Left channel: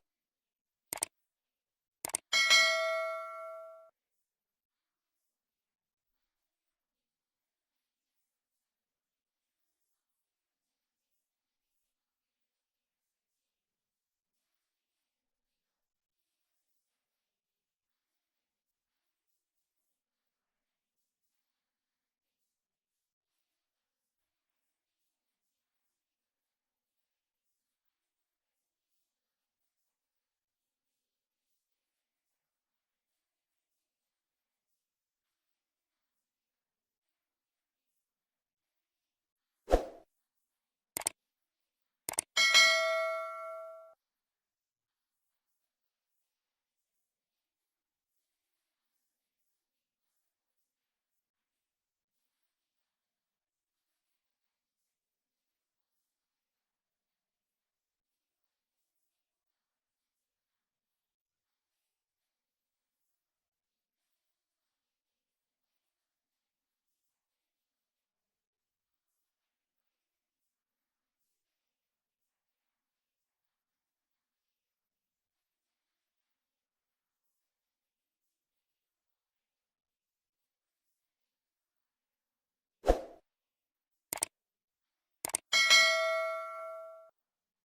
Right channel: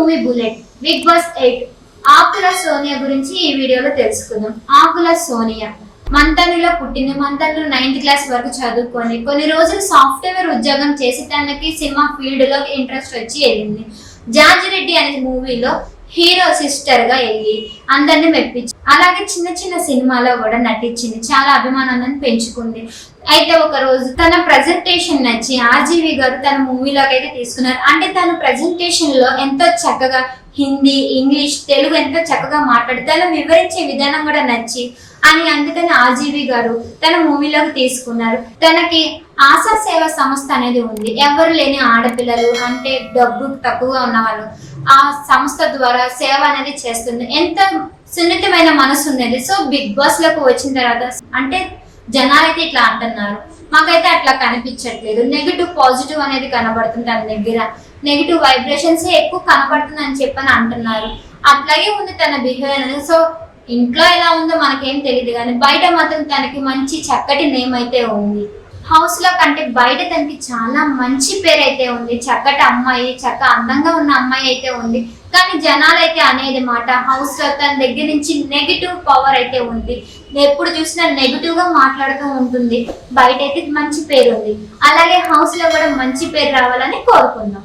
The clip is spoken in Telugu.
మూవీ బుల్లెట్ బిగ్ బాస్ 8 ఆకుల సోనియా గురించి ఈ వీడియోలో తెలుసుకుందాం. ఆకుల సోనియా మంతనిలో పుట్టింది. మంతనిలో 9th క్లాస్ వరకు చదువుకొని కొన్ని రోజులు సాఫ్ట్వేర్ ఉద్యోగం చేసి తనకి సినిమా ఫీల్డ్ లో ఇంట్రెస్ట్ వచ్చి వెళ్ళింది. జార్జి రెడ్డి అనే మూవీలో హీరో సిస్టర్ గా వెళ్ళి అందరిని మెప్పించి అలాగే చిన్న చిన్న సినిమాలో కూడా నటించింది. చాలా అభిమానాన్ని పెంచుకుంది. అయితే ఒక రోజు తన ప్రజెంటేషన్ నచ్చి ఆర్జీవి గారు తన మూవీలోకి అయితే తీసుకున్నారు. అంటే తన ప్రజెంటేషన్ లో ఎంతో చక్కగా హిందీ, ఇంగ్లీష్, తెలుగు ఎంతో చక్కగా మాట్లాడి తను వివరించే విధానం కూడా నచ్చి అందుకని ఆర్జీవి గారు తన మూవీలోకి తీసుకున్నారు. తనకి ఆశా సేవ సంస్థ అనేది ఉంది. ఎవరు లేని ఆడపిల్లలు అంటే డబ్బు తక్కువగా ఉన్న వాళ్ళు ఆ సంస్థ ద్వారా సేవ అనేది చేస్తుంది. ఎంత సున్నితమైన మనసు ఉండేది. సో బిగ్ బాస్ లోకి వచ్చిన తర్వాత అంటే జనాలైతే ఇట్లా అంటున్నారు, మాకైతే అట్లా కనిపించట్లేదు. నెగిటివ్ పాజిటివ్ అనేది కనబడుతుంది. తన దగ్గర నెగిటివ్ వైబ్రేషన్స్ ఎక్కువ కనబడుతుంది అని చెప్పని అంటున్నారు. అట్లాగే ఉంది తన బిహేవియర్ అనేది. సో ఇంట్లో ఎలా ఉందో మనకేం తెలియదు కానీ బయట మాత్రం తనకి మంచి చక్కటి నేమ్ అయితే ఉంది. హౌస్ లో కంటే బయట తనకి చాలా మంచి పేరు అయితే ఉంది. చక్కటి అమ్మాయి, అందంగా ఉన్న అమ్మాయి అయితే ఉంది. కానీ జనాలైతే అనేది మాట హౌస్ లో తన దగ్గర నుంచి నెగిటివ్ పవర్ అయితే ఉంది. ఎప్పుడు చూసినా నెగిటివ్ గా మాట్లాడుతూ ఉంటుంది. బయట అయితే మంచి పేరు ఉంది. అలాగే హౌస్ లో కూడా మంచి పేరు రావాలని కోరుకుందాం.